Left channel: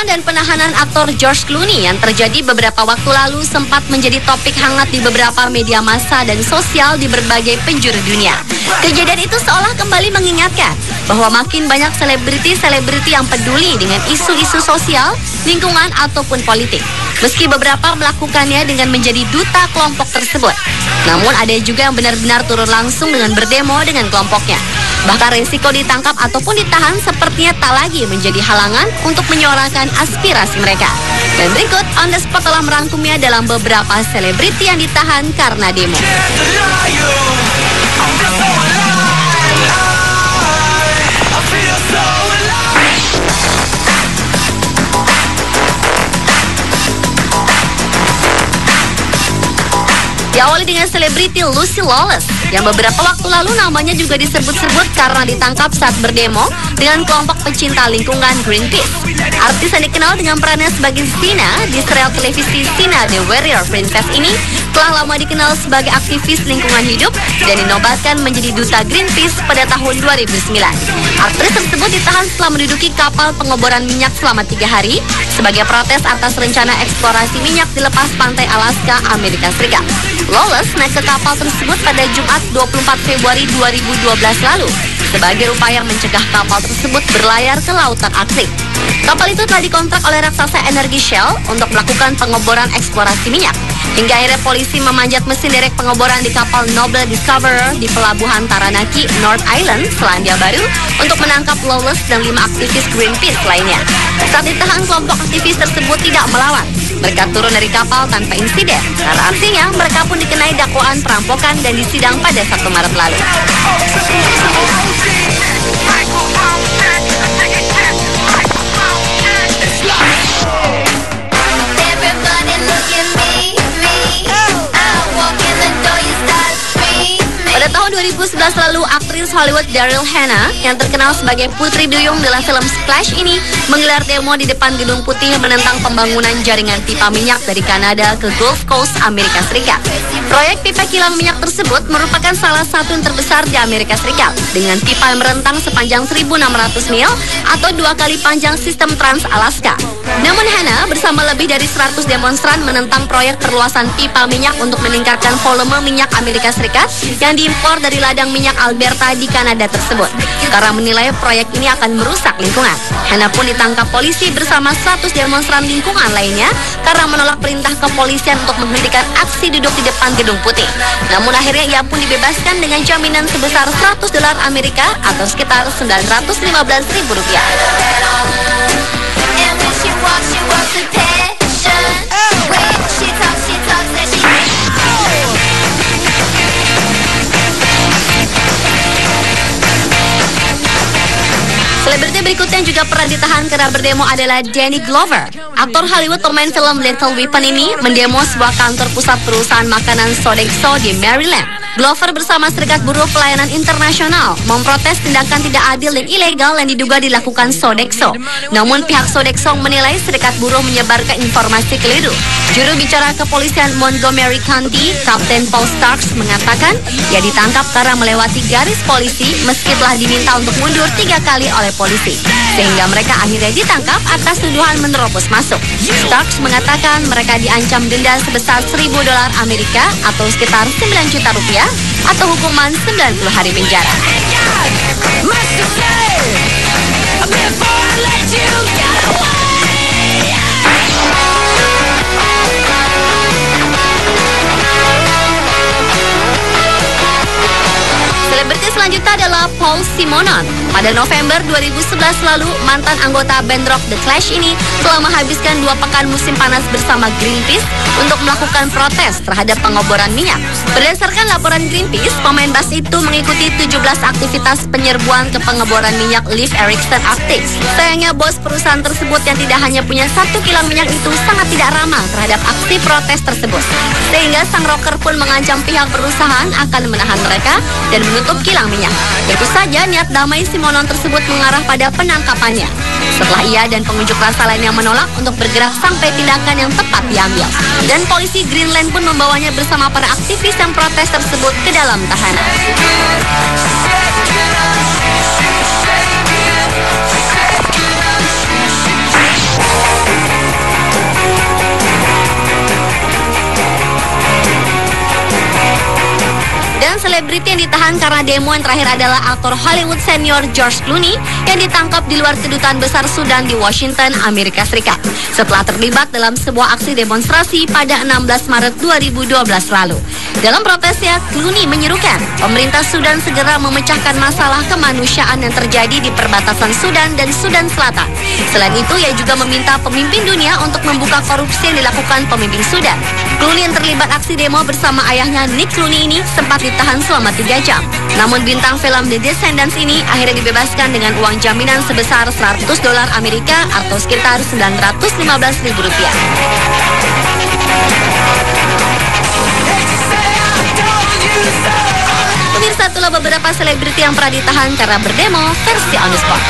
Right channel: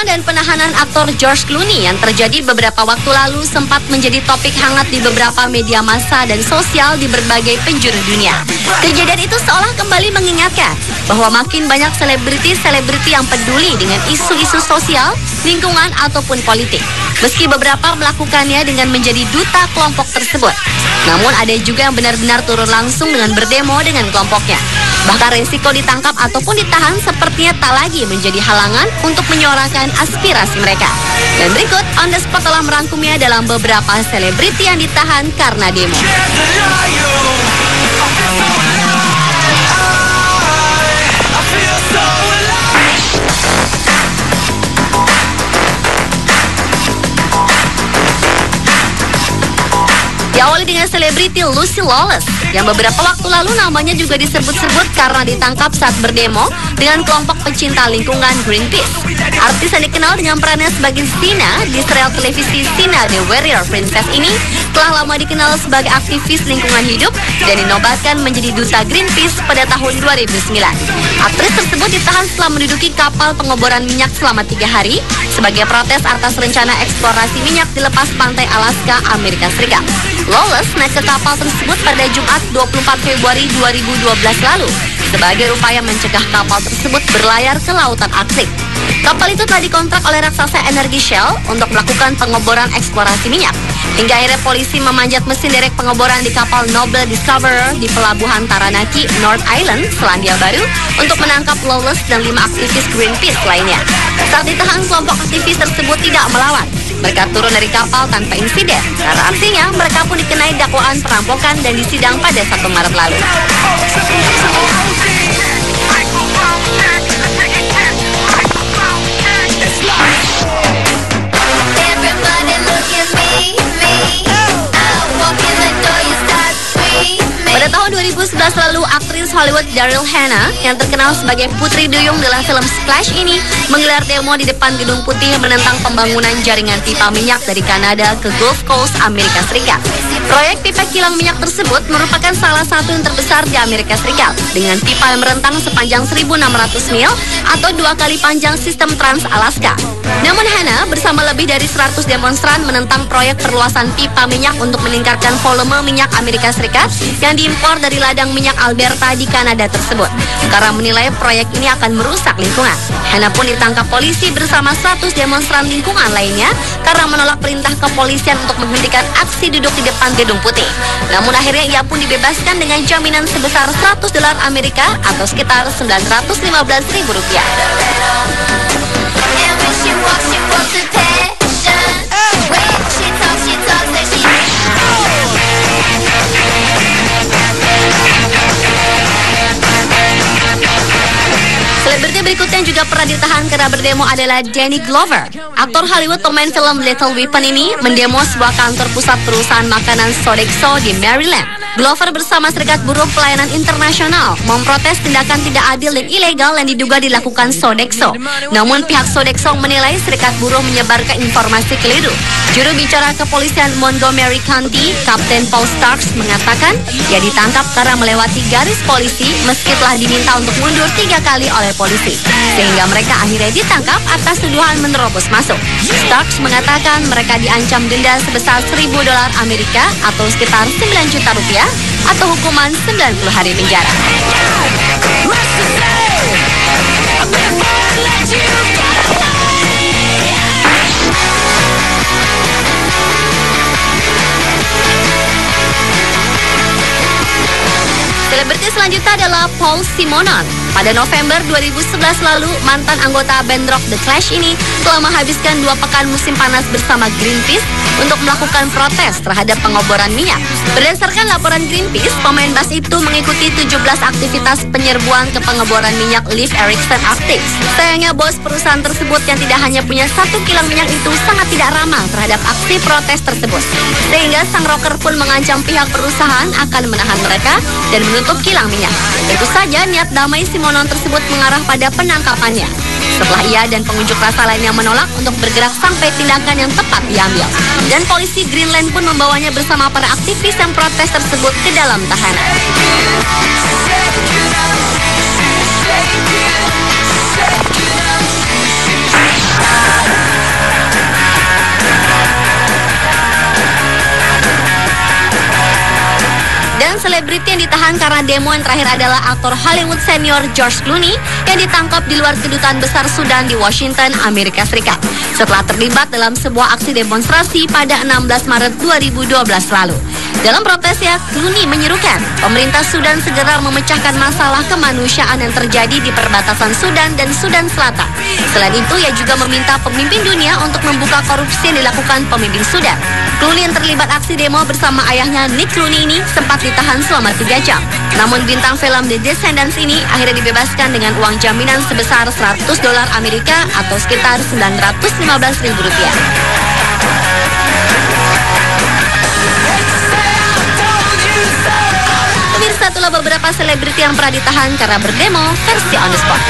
Penangkapan dan penahanan aktor George Clooney yang terjadi beberapa waktu lalu sempat menjadi topik hangat di beberapa media massa dan sosial di berbagai penjuru dunia. Kejadian itu seolah kembali mengingatkan bahwa makin banyak selebriti-selebriti yang peduli dengan isu-isu sosial, lingkungan, ataupun politik. Meski beberapa melakukannya dengan menjadi duta kelompok tersebut. Namun ada juga yang benar-benar turun langsung dengan berdemo dengan kelompoknya. Bahkan resiko ditangkap ataupun ditahan sepertinya tak lagi menjadi halangan untuk menyuarakan aspirasi mereka. Dan berikut On The Spot telah merangkumnya dalam beberapa selebriti yang ditahan karena demo. Diawali dengan selebriti Lucy Lawless yang beberapa waktu lalu namanya juga disebut-sebut karena ditangkap saat berdemo dengan kelompok pecinta lingkungan Greenpeace. Artis yang dikenal dengan perannya sebagai Sina di serial televisi Sina The Warrior Princess ini telah lama dikenal sebagai aktivis lingkungan hidup dan dinobatkan menjadi duta Greenpeace pada tahun 2009. Aktris tersebut ditahan setelah menduduki kapal pengeboran minyak selama 3 hari sebagai protes atas rencana eksplorasi minyak di lepas pantai Alaska, Amerika Serikat. Lawless naik ke kapal tersebut pada Jumat 24 Februari 2012 lalu sebagai upaya mencegah kapal tersebut berlayar ke lautan Arktik. Kapal itu telah dikontrak oleh raksasa energi Shell untuk melakukan pengeboran eksplorasi minyak. Hingga akhirnya polisi memanjat mesin derek pengeboran di kapal Noble Discoverer di pelabuhan Taranaki, North Island, Selandia Baru untuk menangkap Lawless dan 5 aktivis Greenpeace lainnya. Saat ditahan, kelompok aktivis tersebut tidak melawan. Mereka turun dari kapal tanpa insiden, karena artinya mereka pun dikenai dakwaan perampokan dan disidang pada 1 Maret lalu. Pada tahun 2011 lalu, aktris Hollywood Daryl Hannah yang terkenal sebagai Putri Duyung dalam film Splash ini menggelar demo di depan Gedung Putih menentang pembangunan jaringan pipa minyak dari Kanada ke Gulf Coast, Amerika Serikat. Proyek pipa kilang minyak tersebut merupakan salah satu yang terbesar di Amerika Serikat dengan pipa yang merentang sepanjang 1.600 mil atau 2 kali panjang sistem Trans-Alaska. Namun Hannah bersama lebih dari 100 demonstran menentang proyek perluasan pipa minyak untuk meningkatkan volume minyak Amerika Serikat yang diimpor dari ladang minyak Alberta di Kanada tersebut. Karena menilai proyek ini akan merusak lingkungan. Hannah pun ditangkap polisi bersama 100 demonstran lingkungan lainnya karena menolak perintah kepolisian untuk menghentikan aksi duduk di depan Gedung Putih. Namun akhirnya ia pun dibebaskan dengan jaminan sebesar $100 Amerika atau sekitar Rp915.000. Berikutnya juga pernah ditahan karena berdemo adalah Danny Glover. Aktor Hollywood pemain film Lethal Weapon ini mendemo sebuah kantor pusat perusahaan makanan Sodexo di Maryland. Glover bersama Serikat Buruh Pelayanan Internasional memprotes tindakan tidak adil dan ilegal yang diduga dilakukan Sodexo. Namun pihak Sodexo menilai Serikat Buruh menyebarkan informasi keliru. Juru bicara kepolisian Montgomery County, Kapten Paul Starks, mengatakan ia ditangkap karena melewati garis polisi meski telah diminta untuk mundur 3 kali oleh polisi. Sehingga mereka akhirnya ditangkap atas tuduhan menerobos masuk. Starks mengatakan mereka diancam denda sebesar $1.000 Amerika atau sekitar $9 juta atau hukuman 90 hari penjara. Selebriti selanjutnya adalah Paul Simonon. Pada November 2011 lalu, mantan anggota band rock The Clash ini telah menghabiskan 2 pekan musim panas bersama Greenpeace untuk melakukan protes terhadap pengeboran minyak. Berdasarkan laporan Greenpeace, pemain bass itu mengikuti 17 aktivitas penyerbuan ke pengeboran minyak Leif Erikson Arctic. Sayangnya bos perusahaan tersebut yang tidak hanya punya 1 kilang minyak itu sangat tidak ramah terhadap aksi protes tersebut. Sehingga sang rocker pun mengancam pihak perusahaan akan menahan mereka dan menutup kilang minyak. Tentu saja niat damai Simonon tersebut mengarah pada penangkapannya. Setelah ia dan pengunjuk rasa lainnya menolak untuk bergerak sampai tindakan yang tepat diambil. Dan polisi Greenland pun membawanya bersama para aktivis yang protes tersebut ke dalam tahanan. selebriti yang ditahan karena demo yang terakhir adalah aktor Hollywood senior George Clooney yang ditangkap di luar kedutaan besar Sudan di Washington, Amerika Serikat setelah terlibat dalam sebuah aksi demonstrasi pada 16 Maret 2012 lalu. Dalam protesnya, Clooney menyerukan pemerintah Sudan segera memecahkan masalah kemanusiaan yang terjadi di perbatasan Sudan dan Sudan Selatan. Selain itu, ia juga meminta pemimpin dunia untuk membuka korupsi yang dilakukan pemimpin Sudan. Clooney yang terlibat aksi demo bersama ayahnya Nick Clooney ini sempat ditahan selama 3 jam. Namun bintang film The Descendants ini akhirnya dibebaskan dengan uang jaminan sebesar $100 Amerika atau sekitar Rp915.000. Pemirsa, itulah beberapa selebriti yang pernah ditahan karena berdemo versi On The Spot.